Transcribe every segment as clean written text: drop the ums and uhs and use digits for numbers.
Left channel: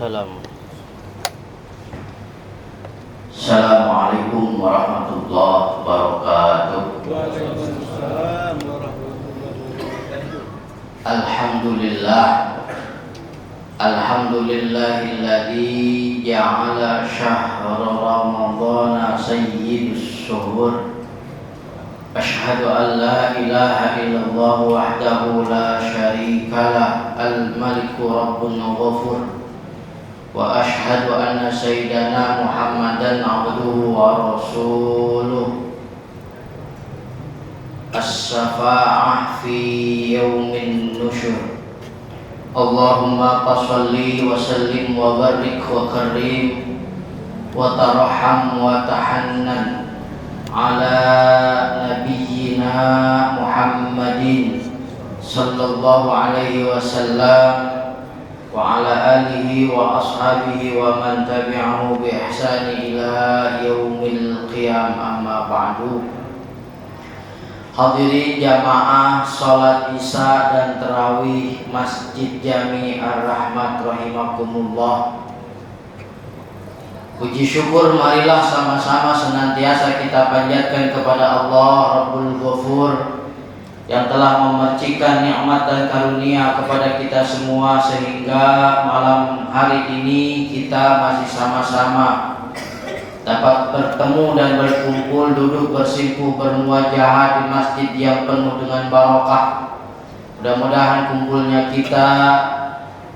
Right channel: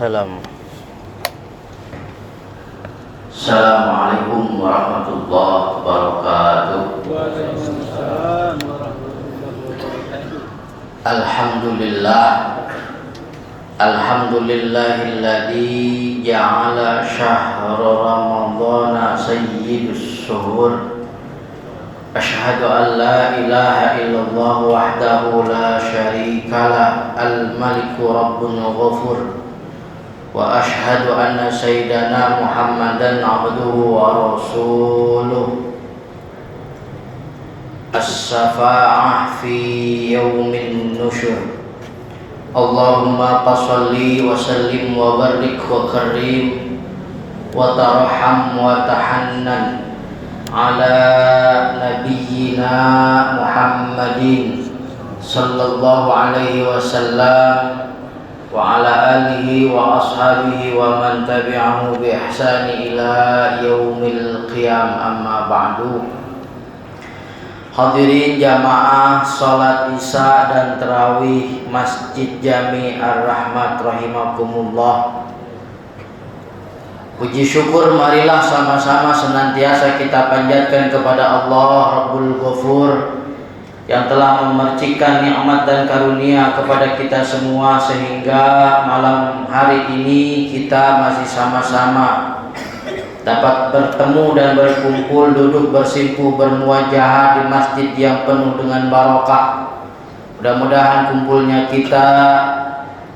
Salam. Assalamualaikum warahmatullahi wabarakatuh. Waalaikumsalam warahmatullahi wabarakatuh. Alhamdulillahilladzi ja'ala syahra ramadhana sayyidus syuhur. Asyhadu an la ilaha illallah wahdahu la syarikalah al-maliku rabbun ghafur. Wa ashhadu anna sayyidana Muhammadan abduhu wa rasuluh. As-safa'ah fi yaumin nusyur. Allahumma salli wa sallim wa barik wa karim wa tarham wa tahannan ala nabiyyina Muhammadin sallallahu alaihi wasallam wa ala alihi wa ashabihi wa man tabi'ahu bi ihsani ila yaumil qiyam, amma ba'du. Hadirin jamaah salat isya dan tarawih Masjid Jami Ar-Rahmat rahimakumullah. Puji syukur marilah sama-sama senantiasa kita panjatkan kepada Allah Rabbul Ghafur yang telah memercikan nikmat dan karunia kepada kita semua sehingga malam hari ini kita masih sama-sama dapat bertemu dan berkumpul, duduk bersimpuh, bermuajahah di masjid yang penuh dengan barokah. Mudah-mudahan kumpulnya kita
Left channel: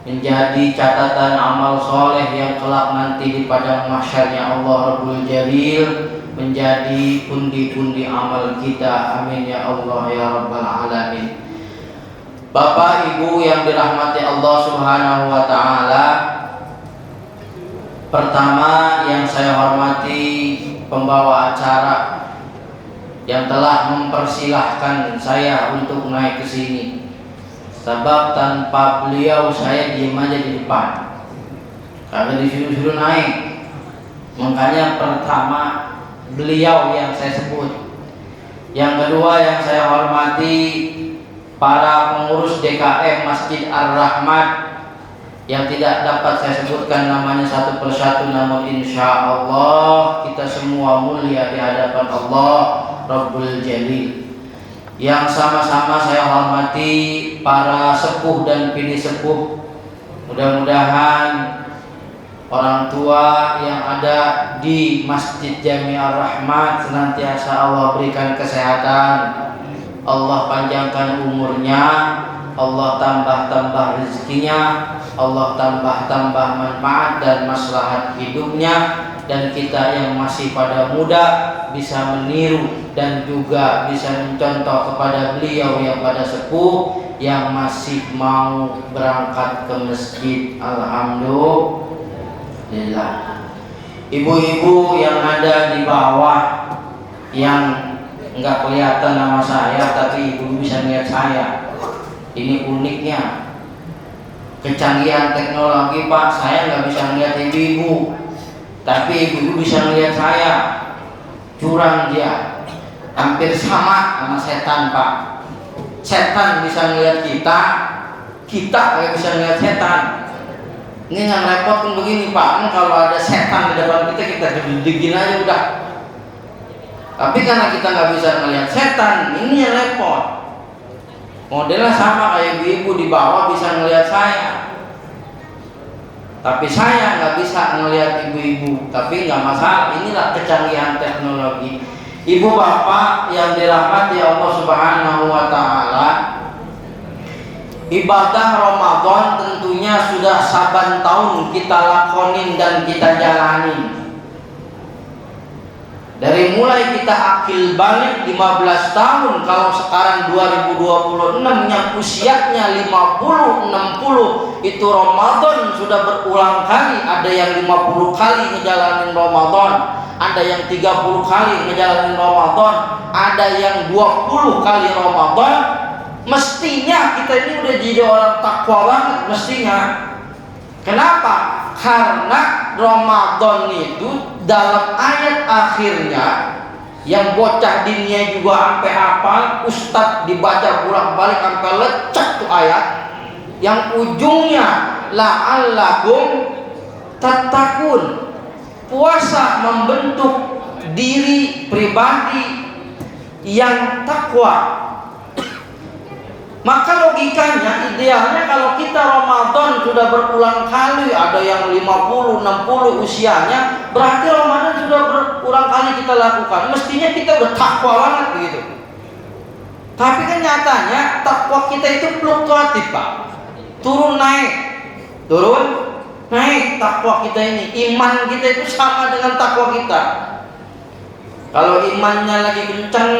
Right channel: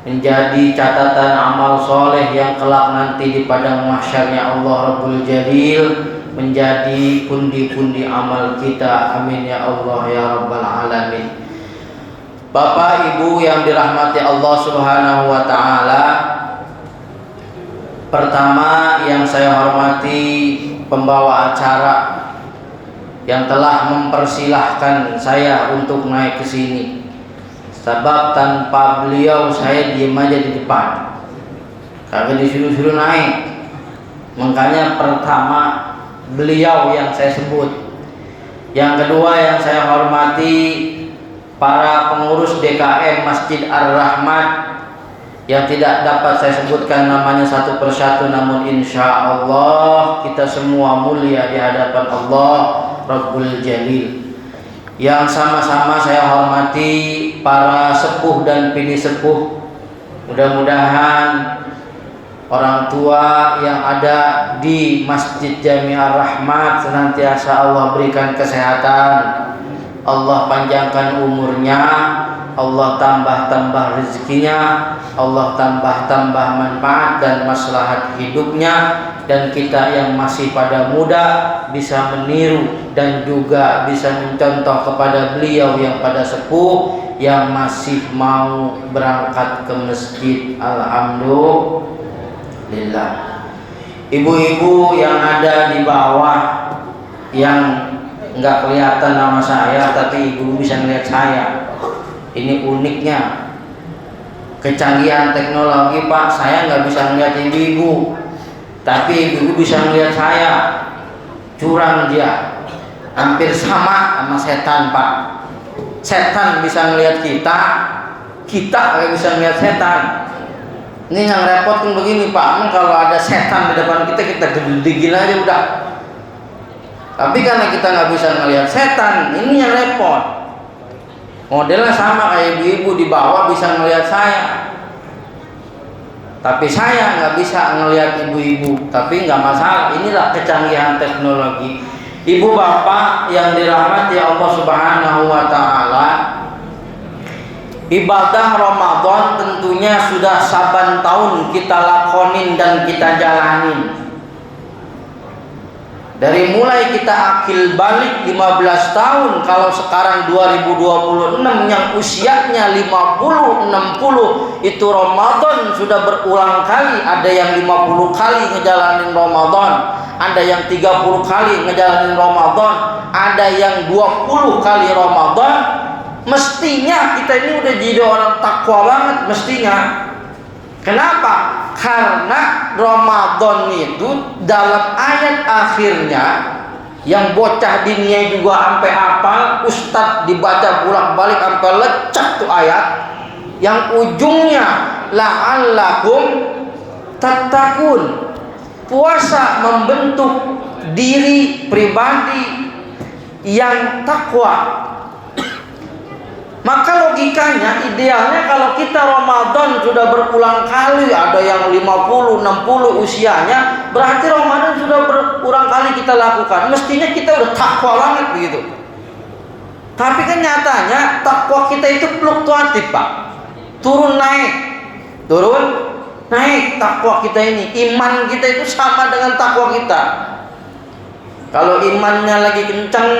menjadi catatan amal soleh yang kelak nanti di padang mahsyarnya Allah Rabbul Jalil menjadi pundi-pundi amal kita. Amin ya Allah ya Rabbal Alamin. Bapak Ibu yang dirahmati Allah Subhanahu wa ta'ala, pertama yang saya hormati pembawa acara yang telah mempersilahkan saya untuk naik ke sini. Sebab tanpa beliau saya diam aja di depan, kagak disuruh-suruh naik. Makanya pertama beliau yang saya sebut. Yang kedua yang saya hormati para pengurus DKM Masjid Ar-Rahmat yang tidak dapat saya sebutkan namanya satu persatu, namun insya Allah kita semua mulia di hadapan Allah Rabbul Jalil. Yang sama-sama saya hormati para sepuh dan bini sepuh. Mudah-mudahan orang tua yang ada di Masjid Jami Ar-Rahmat senantiasa Allah berikan kesehatan, Allah panjangkan umurnya, Allah tambah-tambah rezekinya, Allah tambah-tambah manfaat dan maslahat hidupnya, dan kita yang masih pada muda bisa meniru dan juga bisa mencontoh kepada beliau yang pada sepuh yang masih mau berangkat ke masjid. Alhamdulillah. Ibu-ibu yang ada di bawah yang nggak kelihatan nama saya tapi ibu bisa melihat saya. Ini uniknya kecanggihan teknologi, Pak. Saya nggak bisa melihat ibu-ibu, tapi ibu-ibu bisa melihat saya. Curang dia, hampir sama setan, Pak. Setan bisa melihat kita, kita nggak bisa melihat setan. Ini yang repot kan begini, Pak. Kalau ada setan di depan kita, kita gedegin aja udah. Tapi karena kita nggak bisa melihat setan, ini yang repot. Modelnya sama kayak ibu-ibu di bawah bisa ngelihat saya, tapi saya nggak bisa ngelihat ibu-ibu. Tapi nggak masalah, inilah kecanggihan teknologi. Ibu bapak yang dirahmati Allah Subhanahu wa ta'ala, ibadah Ramadan tentunya sudah saban tahun kita lakonin dan kita jalanin. Dari mulai kita akil balik 15 tahun, kalau sekarang 2026 yang usianya 50-60, itu Ramadan sudah berulang kali. Ada yang 50 kali ngejalanin Ramadan, ada yang 30 kali ngejalanin Ramadan, ada yang 20 kali Ramadan. Mestinya kita ini udah jadi orang takwa banget mestinya. Kenapa? Karena Ramadan itu dalam ayat akhirnya yang bocah dinia juga sampai hafal, ustadz dibaca bolak-balik sampai lecek tuh ayat, yang ujungnya la'allakum tattaqun. Puasa membentuk diri pribadi yang takwa. Maka logikanya, idealnya kalau kita Ramadan sudah berulang kali, ada yang 50, 60 usianya, berarti Ramadan sudah berulang kali kita lakukan. Mestinya kita udah takwa banget begitu. Tapi kan nyatanya takwa kita itu fluktuatif, Pak. Turun naik, turun naik takwa kita ini. Iman kita itu sama dengan takwa kita. Kalau imannya lagi kencang,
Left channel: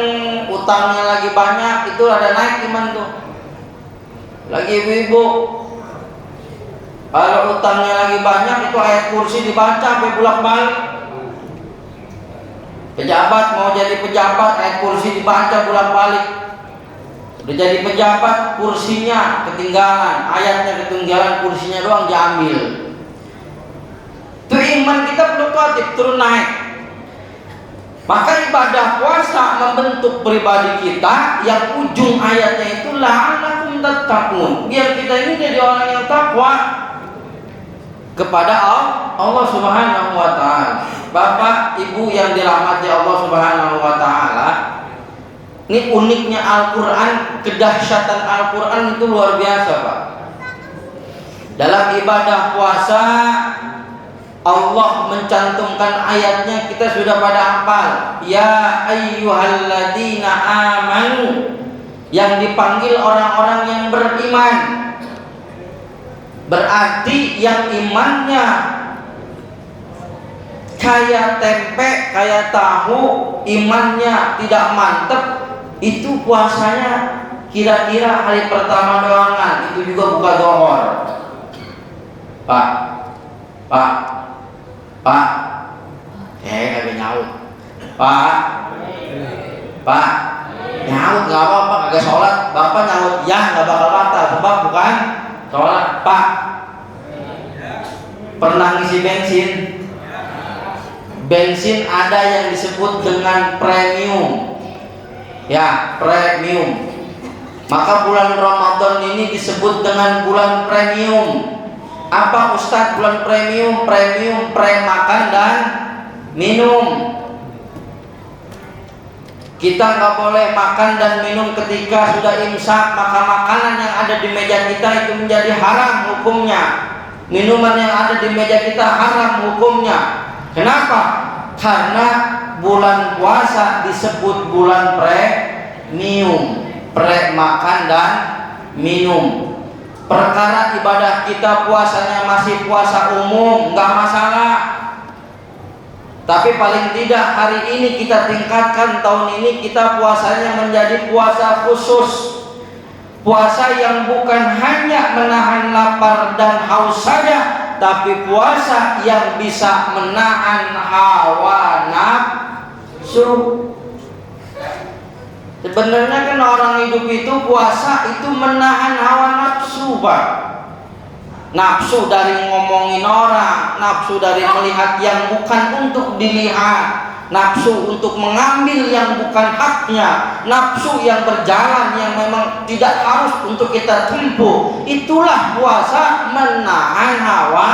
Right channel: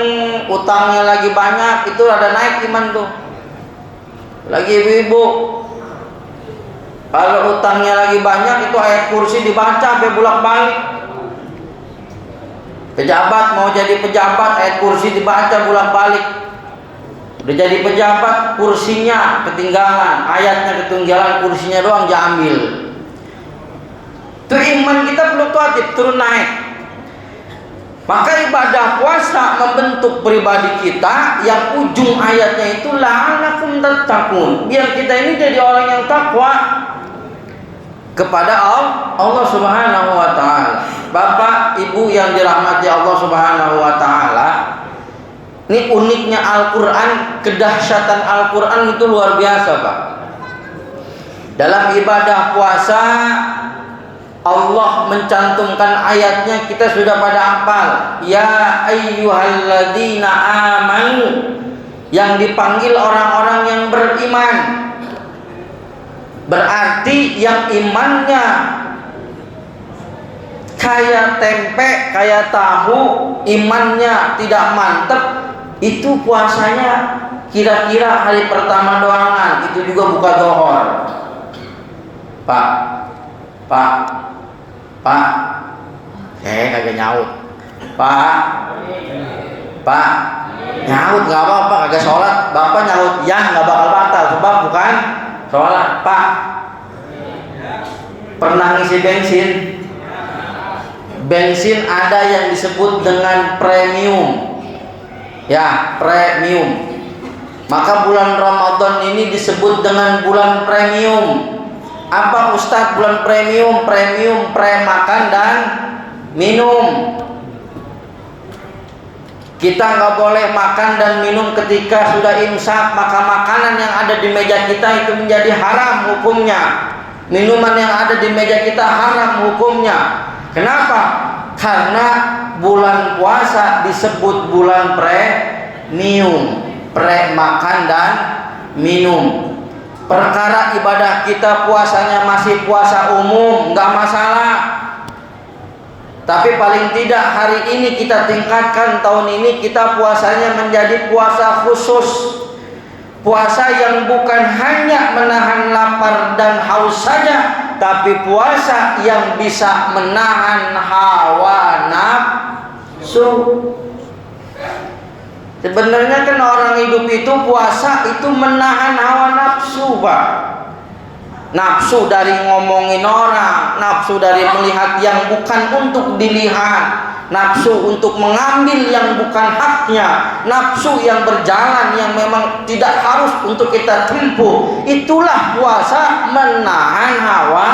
utangnya lagi banyak, itu ada naik iman tuh. Lagi ibu-ibu, kalau utangnya lagi banyak, itu ayat kursi dibaca sampai bolak-balik. Pejabat mau jadi pejabat, ayat kursi dibaca bolak-balik. Udah jadi pejabat, kursinya ketinggalan, ayatnya ketinggalan, kursinya doang diambil. Itu iman kita fluktuatif, turun naik. Maka ibadah puasa membentuk pribadi kita yang ujung ayatnya itu la'allakum tattaqun. Biar kita ini jadi orang yang takwa kepada Allah Subhanahu wa taala. Bapak, Ibu yang dirahmati Allah Subhanahu wa taala, ini uniknya Al-Qur'an, kedahsyatan Al-Qur'an itu luar biasa, Pak. Dalam ibadah puasa Allah mencantumkan ayatnya, kita sudah pada hafal. Ya ayyuhalladzina amanu, yang dipanggil orang-orang yang beriman. Berarti yang imannya kayak tempe, kayak tahu, imannya tidak mantap, itu puasanya kira-kira hari pertama doangan, itu juga buka zuhur. Pak, kagak nyaut. Pak, nyaut nggak apa-apa, kagak sholat. Bapak nyaut, ya nggak bakal batal, sebab bukan sholat. Pak, pernah ngisi bensin? Bensin ada yang disebut dengan premium, ya premium. Maka bulan Ramadan ini disebut dengan bulan premium. Apa Ustadz bulan premium? Premium pre-makan dan minum. Kita nggak boleh makan dan minum ketika sudah imsak, maka makanan yang ada di meja kita itu menjadi haram hukumnya. Minuman yang ada di meja kita haram hukumnya. Kenapa? Karena bulan puasa disebut bulan premium, pre-makan dan minum. Perkara ibadah kita puasanya masih puasa umum, nggak masalah. Tapi paling tidak hari ini kita tingkatkan, tahun ini kita puasanya menjadi puasa khusus. Puasa yang bukan hanya menahan lapar dan haus saja, tapi puasa yang bisa menahan hawa nafsu. Sebenarnya kan orang hidup itu puasa itu menahan hawa nafsu, Pak. Nafsu dari ngomongin orang, nafsu dari melihat yang bukan untuk dilihat, nafsu untuk mengambil yang bukan haknya, nafsu yang berjalan yang memang tidak harus untuk kita tempuh. Itulah puasa menahan hawa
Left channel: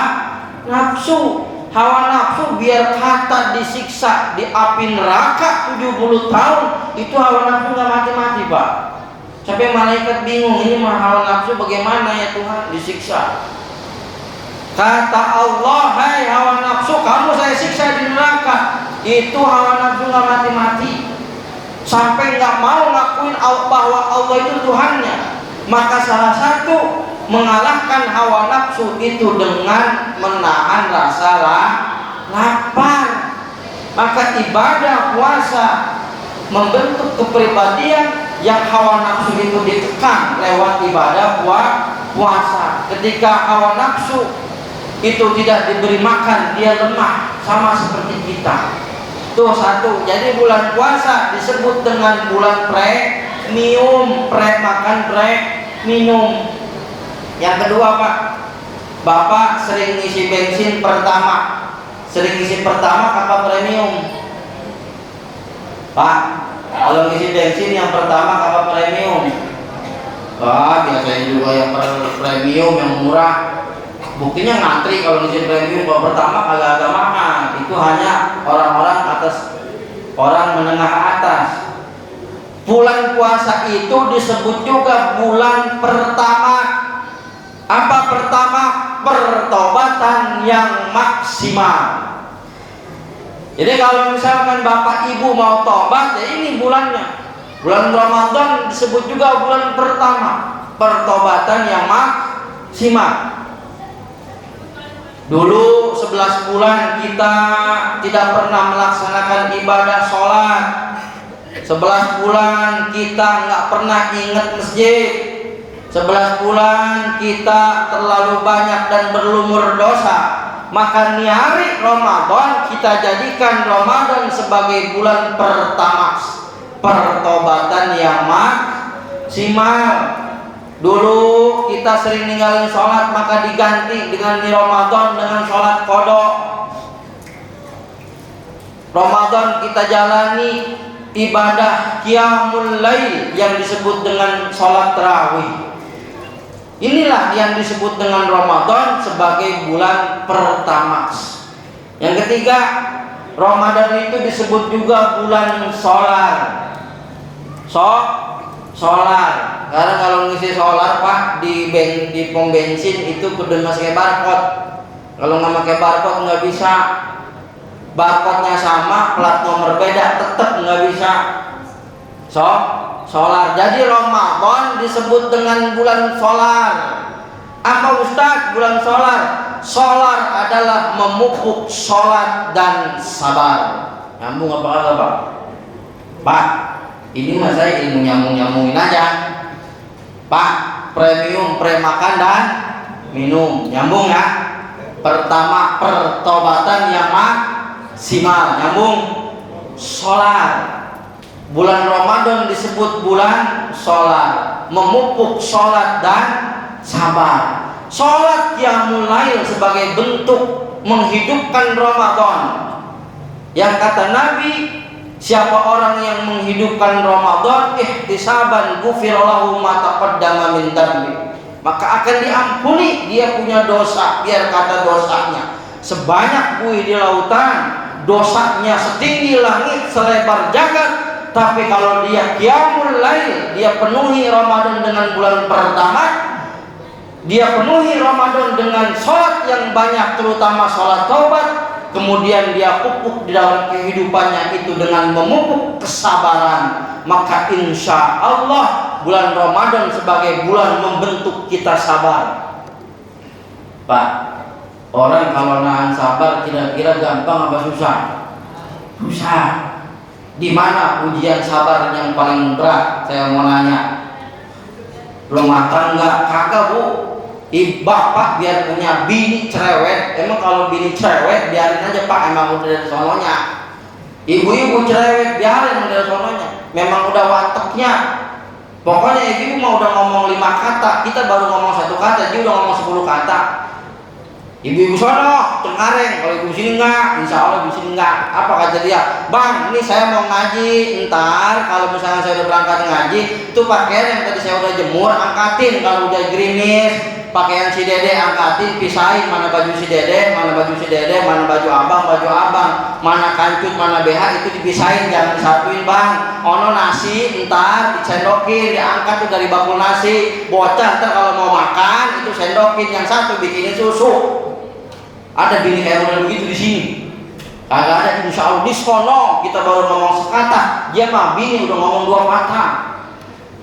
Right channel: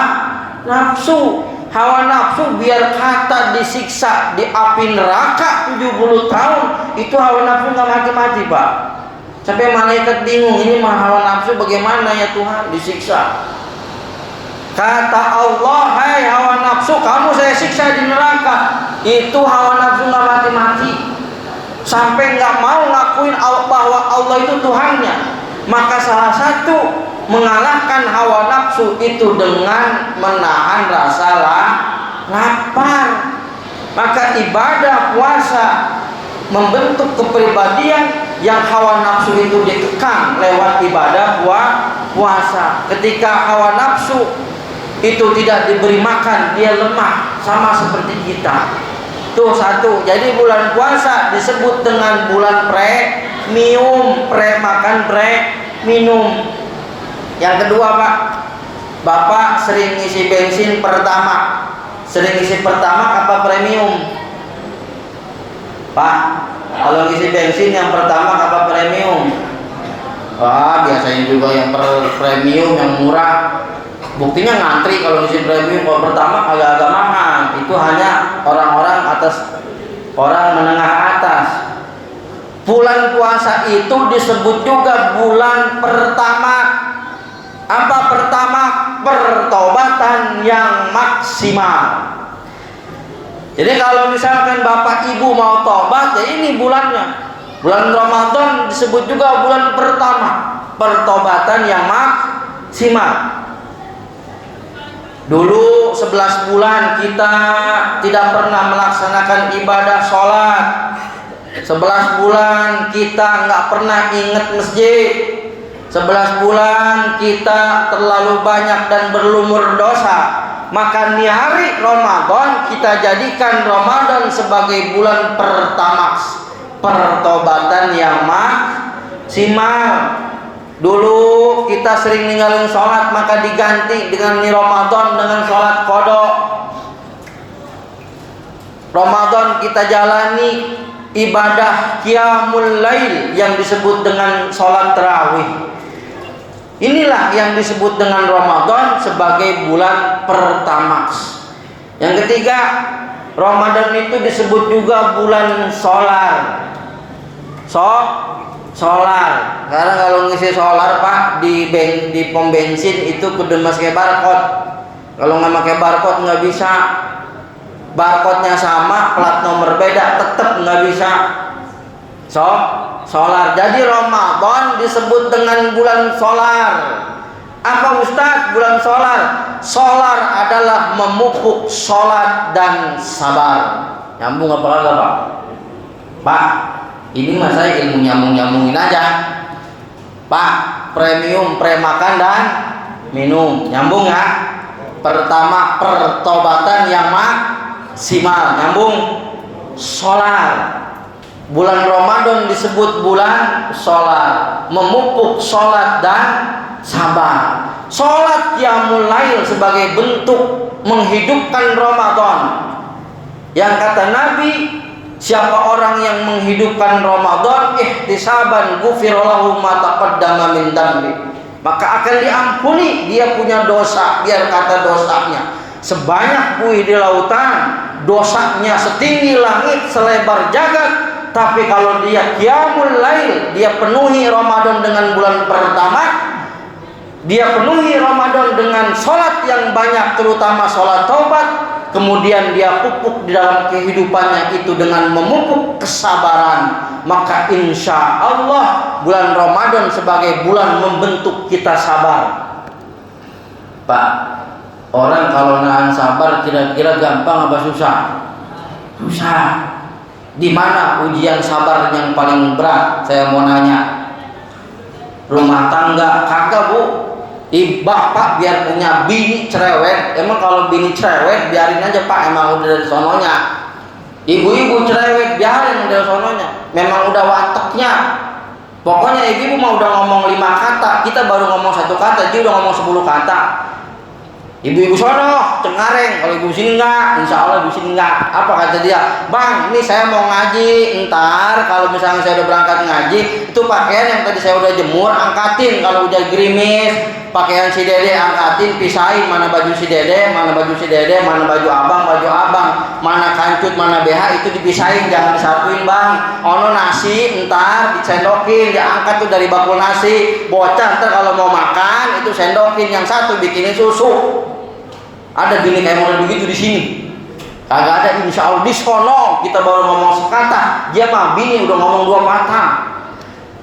nafsu. Hawa nafsu biar kata disiksa di api neraka 70 tahun, itu hawa nafsu nggak mati-mati, Pak. Sampai malaikat bingung, ini mah hawa nafsu bagaimana ya Tuhan disiksa. Kata Allah, hai hawa nafsu, kamu saya siksa di neraka. Itu hawa nafsu nggak mati-mati, sampai nggak mau ngakuin bahwa Allah itu Tuhannya. Maka salah satu mengalahkan hawa nafsu itu dengan menahan rasa lapar. Maka ibadah puasa membentuk kepribadian yang hawa nafsu itu ditekan lewat ibadah puasa. Ketika hawa nafsu itu tidak diberi makan, dia lemah sama seperti kita. Tuh satu. Jadi bulan puasa disebut dengan bulan premium, pre makan, pre minum. Yang kedua, Pak, Bapak sering ngisi bensin pertama. Sering ngisi pertama apa premium? Pak, kalau ngisi bensin yang pertama apa premium? Wah, biasanya juga yang premium yang murah. Buktinya ngantri kalau ngisi premium. Kalau pertama agak-agak mahal. Itu hanya orang-orang atas, orang menengah ke atas. Bulan puasa itu disebut juga bulan pertama. Apa pertama? Pertobatan yang maksimal. Jadi kalau misalkan bapak ibu mau tobat, ya ini bulannya. Bulan Ramadan disebut juga bulan pertama, pertobatan yang maksimal. Dulu 11 bulan kita tidak pernah melaksanakan ibadah sholat. 11 bulan kita nggak pernah ingat masjid. 11 bulan kita terlalu banyak dan berlumur dosa. Maka di hari Ramadan kita jadikan Ramadan sebagai bulan pertama, pertobatan yang maksimal. Dulu kita sering ninggalin sholat, maka diganti dengan di Ramadan dengan sholat qada. Ramadan kita jalani ibadah qiyamul lail yang disebut dengan sholat tarawih. Inilah yang disebut dengan Ramadan sebagai bulan pertama. Yang ketiga, Ramadan itu disebut juga bulan solar. Solar. Karena kalau ngisi solar Pak di pom bensin itu kudu pakai barcode. Kalau nggak pakai barcode nggak bisa. Barcode-nya sama, plat nomor beda, tetap nggak bisa. Solar. Jadi Ramadan disebut dengan bulan solar. Apa Ustaz bulan solar? Solar adalah memupuk sholat dan sabar. Nyambung apa kagak Pak? Pak, ini mah saya ilmu nyambung-nyambungin aja. Pak, premium pre-makan dan minum. Nyambung ya? Pertama pertobatan yang maksimal. Nyambung. Solar. Bulan Ramadan disebut bulan sholat, memupuk sholat dan sabar. Sholat qiyamul lail sebagai bentuk menghidupkan Ramadan. Yang kata Nabi, siapa orang yang menghidupkan Ramadan ihtisaban ghufira lahu ma taqaddama min dambi, maka akan diampuni dia punya dosa. Biar kata dosanya sebanyak buih di lautan, dosanya setinggi langit, selebar jagat. Tapi kalau dia qiyamul lail, dia penuhi Ramadan dengan bulan pertama, dia penuhi Ramadan dengan sholat yang banyak, terutama sholat taubat, kemudian dia pupuk di dalam kehidupannya itu dengan memupuk kesabaran, maka insya Allah bulan Ramadan sebagai bulan membentuk kita sabar. Pak, orang kalau nahan sabar kira-kira gampang apa susah? Susah. Di mana ujian sabar yang paling berat? Saya mau nanya. Rumah tangga kagak Bu? Bapak biar punya bini cerewet. Emang kalau bini cerewet biarin aja Pak, emang udah dari sononya. Ibu-ibu cerewet biarin dari sononya. Memang udah wataknya. Pokoknya ibu mau udah ngomong 5 kata, kita baru ngomong 1 kata, dia udah ngomong 10 kata. Ibu-ibu sono Cengkareng, kalau ibu sini enggak, insya Allah ibu sini enggak. Apa kata dia? Bang, ini saya mau ngaji. Ntar kalau misalnya saya udah berangkat ngaji, itu pakaian yang tadi saya udah jemur angkatin. Kalau udah gerimis, pakaian si dede angkatin, pisahin mana baju si dede, mana baju si dede, mana baju abang, mana kancut, mana BH, itu dipisahin, jangan disatuin Bang. Ono nasi, ntar disendokin, diangkat tuh dari bakul nasi. Bocah ntar kalau mau makan itu sendokin, yang satu bikinin susu. Ada bini kayak model begitu di sini. Kagak ada, insya Allah di sono kita baru ngomong sekata, dia mah bini udah ngomong 2 kata.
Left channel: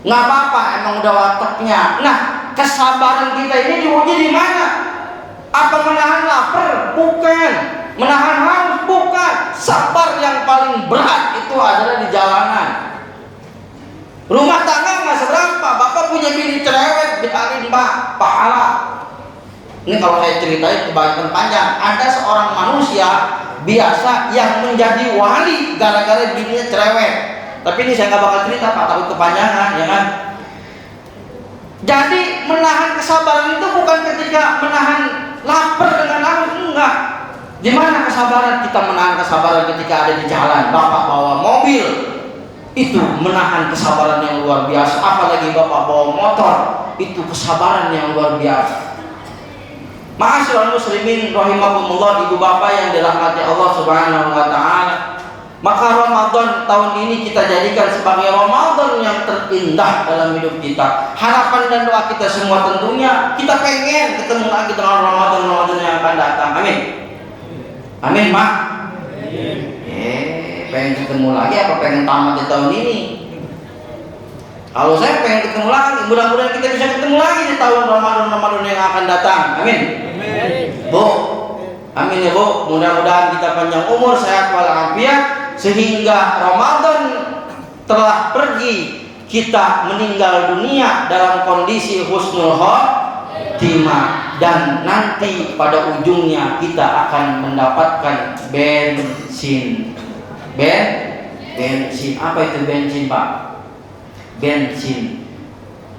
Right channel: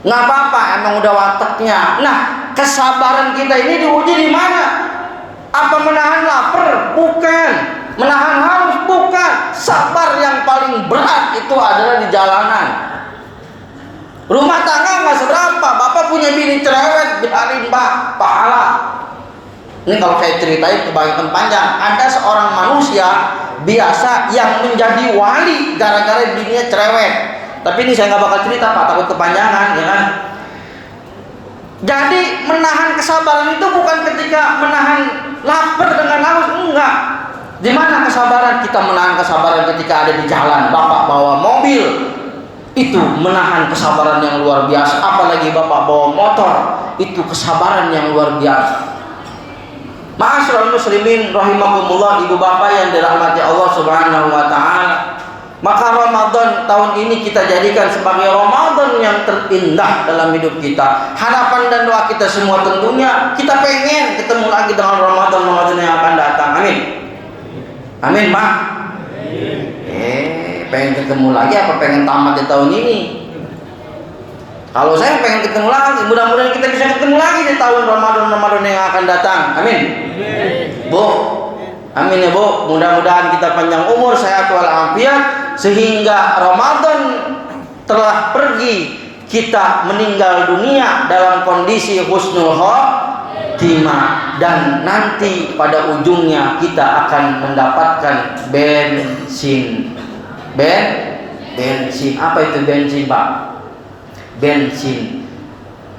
Nggak apa-apa, emang udah wataknya. Nah, kesabaran kita ini diuji di mana? Apa menahan lapar? Bukan. Menahan haus? Bukan. Sabar yang paling berat itu adalah di jalanan. Rumah tangga nggak seberapa. Bapak punya bini cerewet, biarin Pak, pahala. Ini kalau saya ceritain kebanyakan panjang. Ada seorang manusia biasa yang menjadi wali gara-gara bininya cerewet. Tapi ini saya nggak bakal cerita Pak, takut kepanjangan, ya kan? Jadi menahan kesabaran itu bukan ketika menahan lapar dengan haus, enggak. Di mana kesabaran? Kita menahan kesabaran ketika ada di jalan, Bapak bawa mobil, itu menahan kesabaran yang luar biasa. Apalagi Bapak bawa motor, itu kesabaran yang luar biasa. Ma'asyiral muslimin rahimakumullah, ibu bapak yang dirahmati Allah Subhanahu wa taala. Maka Ramadan tahun ini kita jadikan sebagai Ramadan yang terindah dalam hidup kita. Harapan dan doa kita semua tentunya kita pengen ketemu lagi dengan Ramadan yang akan datang. Amin. Amin, Mak. Pengen ketemu lagi apa pengen tamat di tahun ini? Kalau saya pengen ketemu lagi, mudah-mudahan kita bisa ketemu lagi di tahun Ramadan yang akan datang. Amin. Bu, amin ya Bu. Mudah-mudahan kita panjang umur, sehat walafiat, sehingga Ramadan telah pergi, kita meninggal dunia dalam kondisi husnul khotimah, dan nanti pada ujungnya kita akan mendapatkan bensin. Bensin. Apa itu bensin, Pak? Bensin.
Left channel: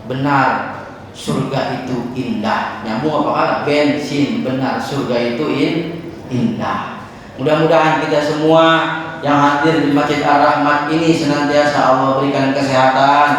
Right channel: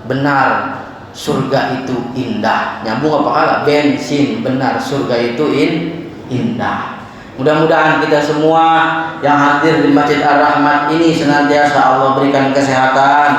Benar, surga itu indah. Nyambung apa kalah? Bensin. Benar, surga itu indah. Mudah-mudahan kita semua yang hadir di Masjid Ar-Rahmat ini senantiasa Allah berikan kesehatan,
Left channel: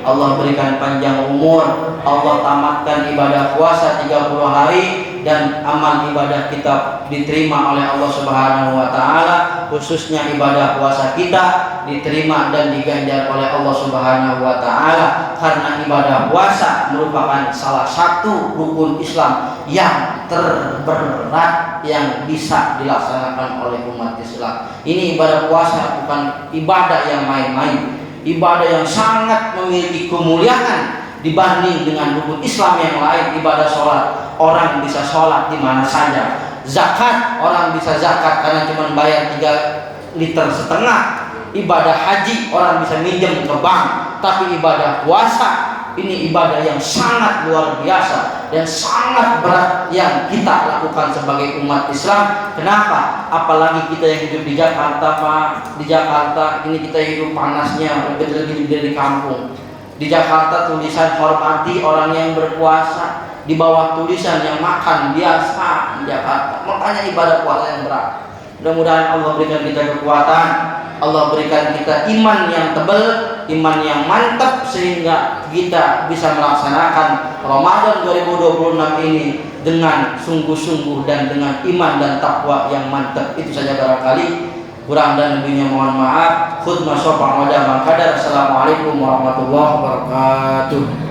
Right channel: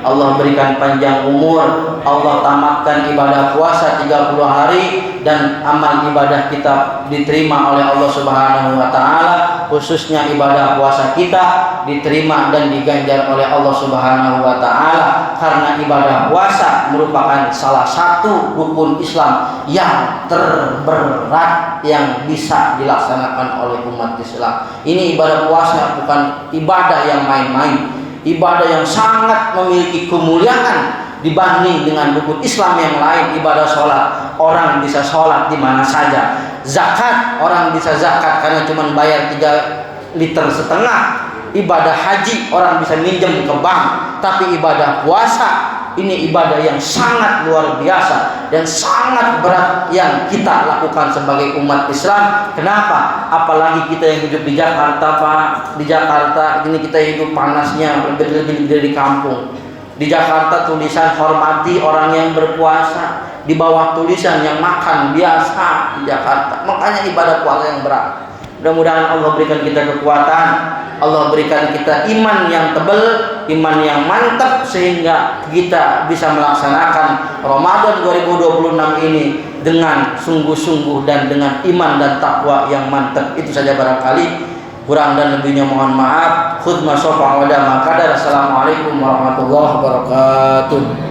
Allah berikan panjang umur, Allah tamatkan ibadah puasa 30 hari, dan amal ibadah kita diterima oleh Allah Subhanahu wa taala, khususnya ibadah puasa kita diterima dan diganjar oleh Allah Subhanahu wa taala, karena ibadah puasa merupakan salah satu rukun Islam yang terberat yang bisa dilaksanakan oleh umat Islam. Ini ibadah puasa bukan ibadah yang main-main, ibadah yang sangat memiliki kemuliaan dibanding dengan rukun Islam yang lain. Ibadah sholat, orang bisa sholat di mana saja. Zakat, orang bisa zakat karena cuma bayar 3,5 liter. Ibadah haji, orang bisa minjem ke bank. Tapi ibadah puasa ini ibadah yang sangat luar biasa dan sangat berat yang kita lakukan sebagai umat Islam. Kenapa? Apalagi kita yang hidup di Jakarta, Pak. Di Jakarta ini kita hidup panasnya lebih dari kampung. Di Jakarta tulisan hormati orang yang berpuasa, di bawah tulisan yang makan biasa di Jakarta. Makanya ibadah puasa yang berat. Mudah-mudahan Allah berikan kita kekuatan, Allah berikan kita iman yang tebal, iman yang mantap, sehingga kita bisa melaksanakan Ramadan 2026 ini dengan sungguh-sungguh dan dengan iman dan takwa yang mantap. Itu saja barangkali, kurang dan lebihnya mohon maaf. Khutbah sofa wa dama qadar. Assalamualaikum warahmatullahi wabarakatuh.